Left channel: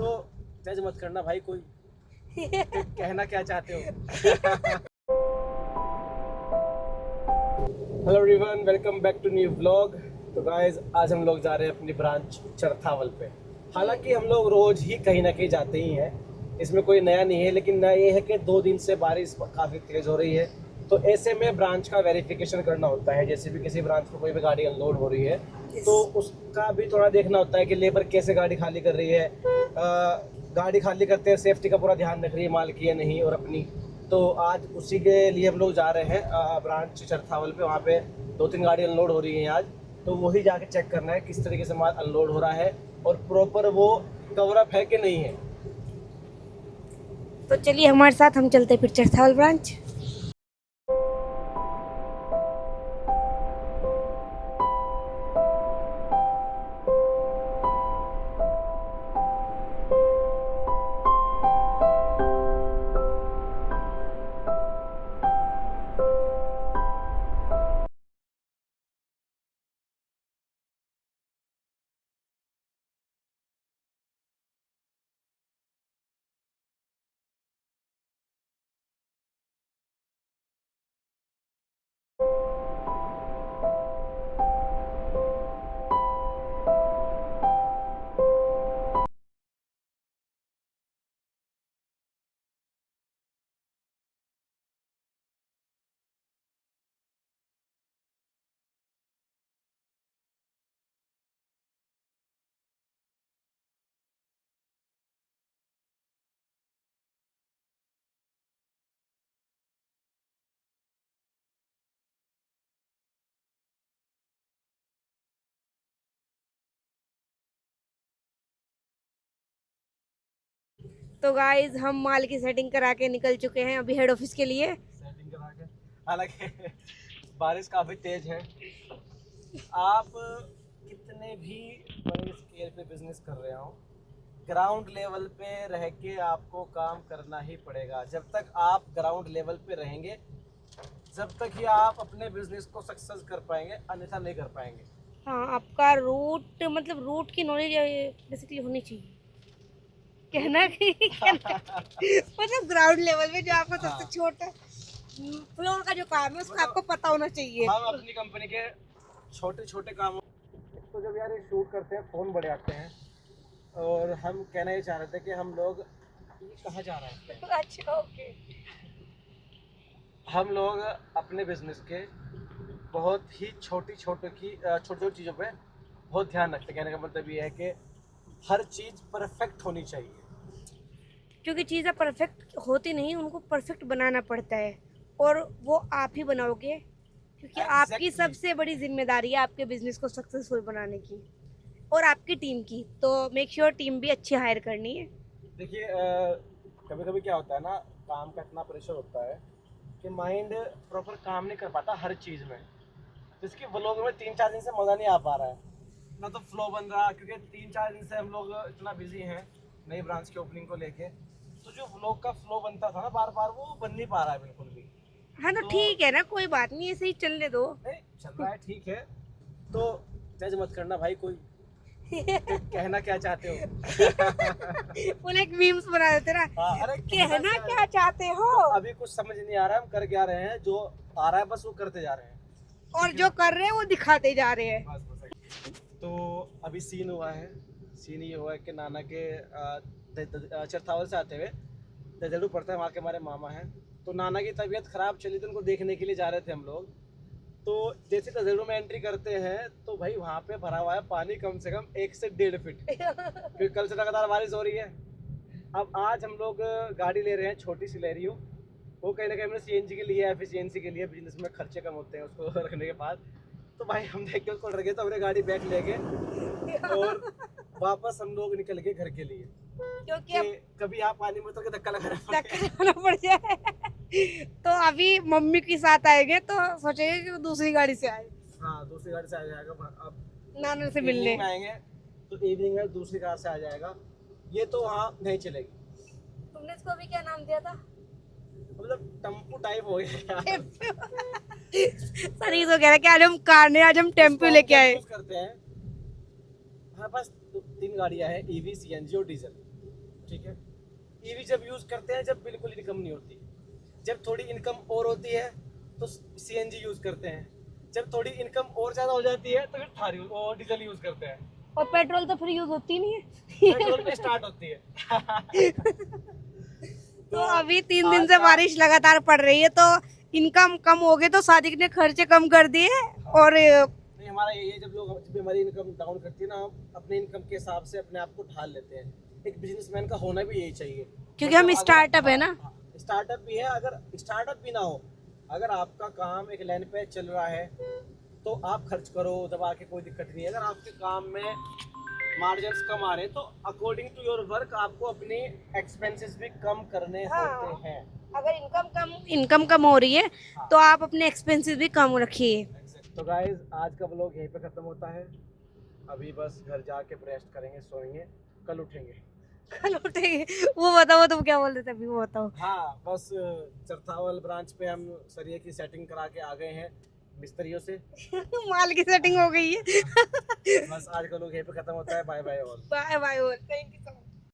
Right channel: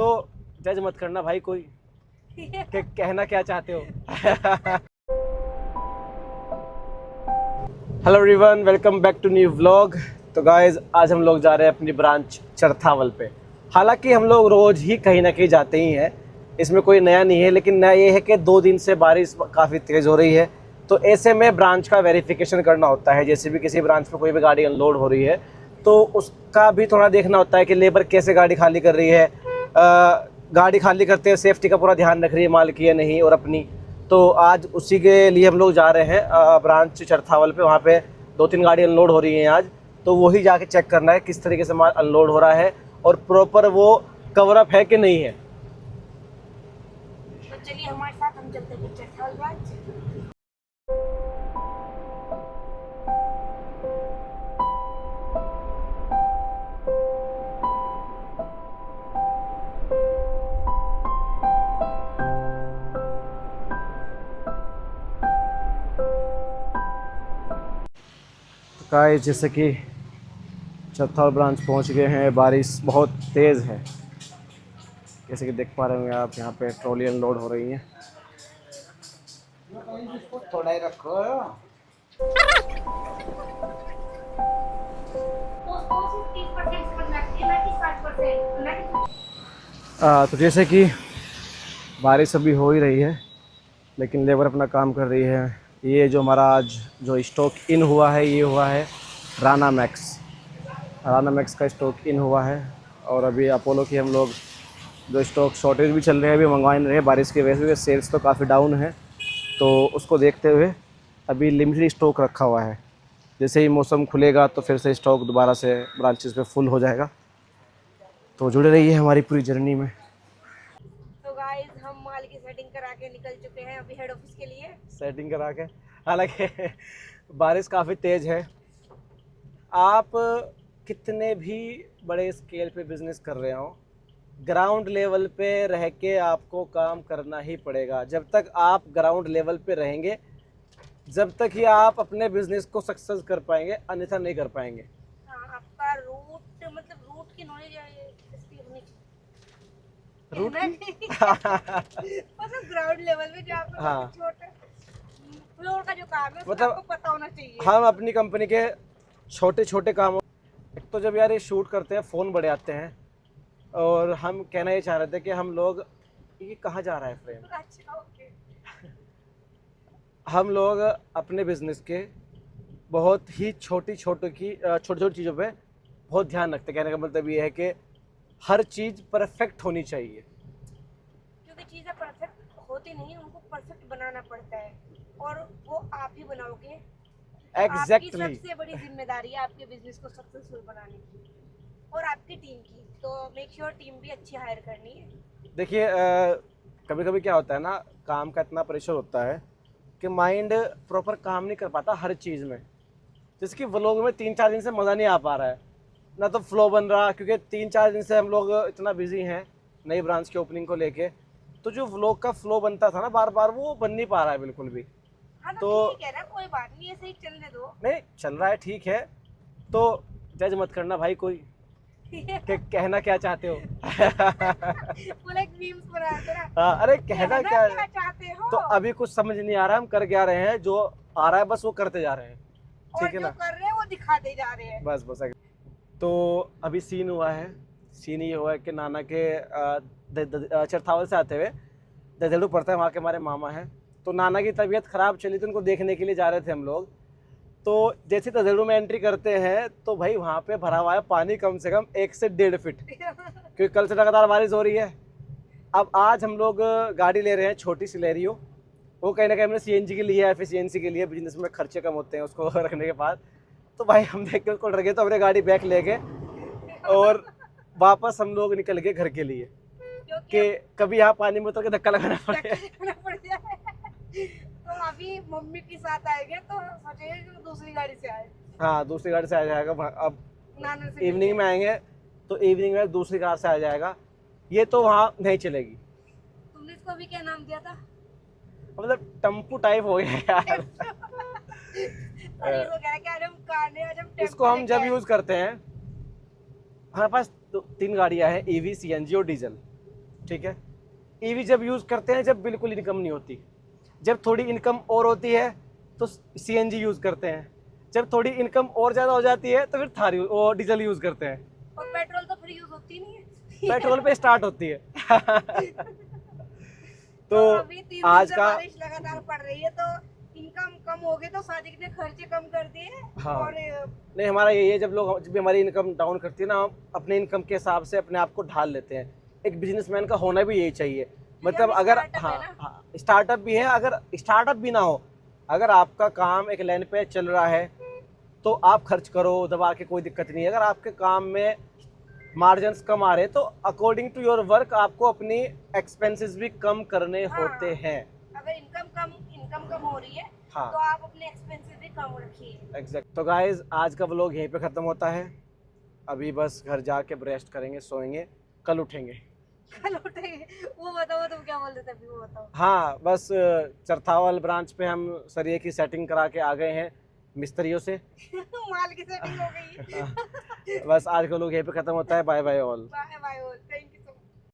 तो जज मत करना भाई कोई कि कहना क्या चाहते हो। Hello everyone, welcome back to new vlog. तो गाइस आज हम लोग जा रहे हैं अपनी ब्रांच चरथावल पे। हालांकि हम लोग रोज ही कहीं ना कहीं जाते ही हैं, इसमें कोई नया नहीं है, लेकिन नया ये है कि 2 दिन से बारिश काफ़ी तेज़ हो रही है, तो ऐसे में ब्रांच का वेरिफिकेशन करना होता है। जैसे भी किसी ब्रांच में कोई भी गाड़ी अनलोड हो रही है तो उसका भी थोड़ा देखना होता है कि लेबर कैसे गाड़ी खाली कर रही है, गाड़ी खाली करते हैं सेफ्टी का पूरा ध्यान रख रही है माल की या नहीं और अपनी। तो आज उसी के लिए हम लोग जा रहे हैं ब्रांच चरथावल पे। वहाँ पे 2-3 गाड़ी अनलोड हो रही हैं आज, तो वही जाके चेक करना है किस तरीके से माल अनलोड हो रहा है और प्रॉपर वो कवर अप है कि नहीं है। तो चलिए हमारे साथ, हम चलते हैं फिर चरथावल ब्रांच। गाइस जैसे कि चरथावल ब्रांच पहुंच गए हैं। बारिश बहुत तेज़ है, जैसे कि देख पा रहे होंगे आप। यहाँ पे ट्रॉली अनलोड हो रही है। थोड़ा ही रखो। तो जैसे कि बारिश अभी हो ही रही है, लेकिन लेबर अपना काम कर रही है। ये जो हमारा आज जो स्टॉक इन हुआ है, ये हुआ है राना मैक्स का स्टॉक इन हुआ है। और अभी अपोलो की हम लोग जो स्टॉक शॉर्टेज भी चल रहे हैं, अभी मंगवा नहीं रहे बारिश की वजह से। सेल्स तो काफ़ी डाउन है, तो उसको देखते हुए अभी लिमिटेड स्टॉक रखा हुआ है। जैसे ही मौसम खुलेगा तो फिर से स्टॉक दोबारा से ब्रांचेस पे फुल हो जाएगा। तो जुड़े रहिए हमारी पूरी जर्नी में। तो गाइज हम माल की सेटिंग करा के निकल चुके हैं अभी हेड ऑफिस के लिए। सेटिंग करा के, हालांकि बारिश काफ़ी तेज़ है। आप कितने भी बड़े स्केल पे बिजनेस कर रहे हो, ग्राउंड लेवल पे रह के आपको काम करना ही पड़ेगा। जब तक आप ग्राउंड लेवल पे रहेंगे, जब तक ही आप अपने बिजनेस को सक्सेस कर पाएंगे, अन्यथा नहीं कर पाएंगे। हाँ, आपका रूट मतलब रूट की नॉलेज बेसिकली होनी चाहिए, कहना कि मतलब ग्राउंड लेवल में जो आपको हाँ, सबसे छोटा फ्लोर का जो काम है उसका मतलब आपको पता होना चाहिए। हम अपनी कंपनी के छोटे छोटे कामों, एक तो जब यार ये शूट करते हैं फ़ोन बड़े आते हैं, और हम कहना ये चाह रहे थे कि हम लोग, ये कहाँ जा रहा है फ्रेम, अच्छा, ओके। हम लोग अपने बिजनेस के बहुत ही छोटी छोटी चीज़ों पे बहुत ध्यान रखते हैं। कहने का मतलब ये है कि हर चीज़ परफेक्ट होनी चाहिए। क्योंकि चीज़ें परफेक्ट होती नहीं, उनको परफेक्ट बनाना पड़ता है, और वो आप ही बनाओगे, क्योंकि आपकी एग्जैक्टली सबसे बड़ी जिम्मेदारी है आपके बिजनेस को सक्सेसफुल बनाने की और आपकी टीम की। तो मेक श्योर टीम भी अच्छी हायर करनी है। देखिए, कभी कभी क्या होता है ना, काम का इतना प्रेशर होता है कि माइंड प्रॉपर काम नहीं कर पाता हर चीज़ में। जैसे कि व्लॉग में 3-4 दिन से मज़ा नहीं आ पा रहा है ना, तो फ्लो बन रहा, क्योंकि 3-4 दिन से हम लोग इतना बिजी हैं नई ब्रांच की ओपनिंग को लेके। तो जो व्लॉग का फ्लो बनता था ना बार बार, वो बन नहीं पा रहा है बिल्कुल भी। हाँ, तो तो ठीक है ना, कोई बात नहीं, ऐसे ही चलने दो। नहीं चल रहा है, ठीक है। तो जज मत करना भाई कोई कि कहना क्या चाहते हो। फुल एक मीम्स बना देते ना, हाँ, अरे कहना कहना क्या। क्या चाहते हो। तो अभी कुछ समझ नहीं आ रहा है, हम कर क्या रहे हैं, जो आ रहा है बस वो करते जा रहे हैं। और ठीक है जो ना, कर रहे हैं वो दिखाते जा रहे हैं। बस बस। तो अभी सीन हुआ है, सीन ये हुआ है कि नाना के चरथावल से आते हुए ददेड़ू पड़ता है, वहाँ के हमारे मामा हैं। तो नाना की तबीयत ख़राब चली, तो उनको देखने के लिए जा रहे थे हम लोग। तो जैसे ददेड़ू में एंट्री करते हैं तो भाई वहाँ पे भरा हुआ है पानी कम से कम 1 से 1.5 फीट, क्योंकि कल से लगातार बारिश हो रही है। अब आज हम लोग गाड़ी ले रहे हैं छोटी सी लेरियो। वो कहीं ना कहीं हमने सीएनजी के लिए, एफिशिएंसी के लिए, बिजनेस में खर्चे कम होते हैं उसको रखने के बाद। तो भाई हम देख के उसको डर गए, तो हमने गाड़ी बैक लेके और वापस हम लोग निकल गए घर के लिए, क्योंकि कि कभी यहाँ पानी में उतर के धक्का लगाना पड़े। धक्का लगाना पड़ जाए। तो अभी मम्मी के साथ आएंगे तो सोचेंगे कि वो दूसरी गाड़ी से आए, हाँ, दूसरी गाड़ी से आ जाएगा। अब नाना से इवनिंग मिलने। में आएंगे तो इवनिंग में दूसरी कार से आ जाएगा। ये तो वहाँ नहीं चलेगी, तुमने इसको अभी क्या नाम दिया था? मतलब टम्पू टाइप हो गया यार। सनी तो कह रहा है कि आज हम कार नहीं, आज हम इसको टेम्पो हम लेके जब आए। यूज करते हैं, हमारे पास 3 गाड़ियां हैं, ईवी, सीएनजी और डीजल। ठीक है। ईवी जब यूज करते हैं जब बिल्कुल इनकम नहीं होती, जब थोड़ी इनकम और होती है तो सीएनजी यूज करते हैं, जब थोड़ी इनकम और ज्यादा हो जाती है तो फिर थार और डीजल यूज करते हैं। और पेट्रोल तो फिर यूज होती नहीं है। पेट्रोल पे स्टार्ट होती है। तो अभी 3 दिन आज से का- बारिश लगातार पड़ रही है, तो इनकम कम हो गई, तो सादिक ने खर्चे कम कर दिए। हाँ। और नहीं, हमारा यही है, जब भी हमारी इनकम डाउन करती है ना, हम अपने इनकम के हिसाब से अपने आप को ढाल लेते हैं। एक बिजनेसमैन का होना भी यही चाहिए, क्योंकि हम अगर- स्टार्टअप है ना। स्टार्टअप भी है, अगर स्टार्टअप भी ना हो, अगर आपका काम एक लाइन पे चल रहा है तो आप खर्च करो दबा के, कोई दिक्कत नहीं है। अगर आपके काम में मार्जिन्स कम आ रहे हैं तो अकॉर्डिंग टू योर वर्क आपको अपनी एक्सपेंसेस भी कम करने हाँ। होते हैं। अगर इनकम कम हो रही है हाँ। तो आप अपने एक्सपेंसेस भी कम रखिए। एग्जैक्ट। तो गाइज आज का व्लॉग यहीं पे ख़त्म होता है। अभी बस घर जाके रेस्ट करेंगे, सोएंगे, कल उठेंगे। कल उठेंगे। वो बताओ, तुम क्या बोल रहे थे अभी, वो बताओ। हाँ, बस चरथावल ब्रांच पे हम सरिये की सेटिंग करा के आ गए हैं मिस्त्रियों से। माल की सेटिंग हो गई है। बस आज का व्लॉग यहीं पे ख़त्म होता है। Bye bye all. Bye bye, thank you so much.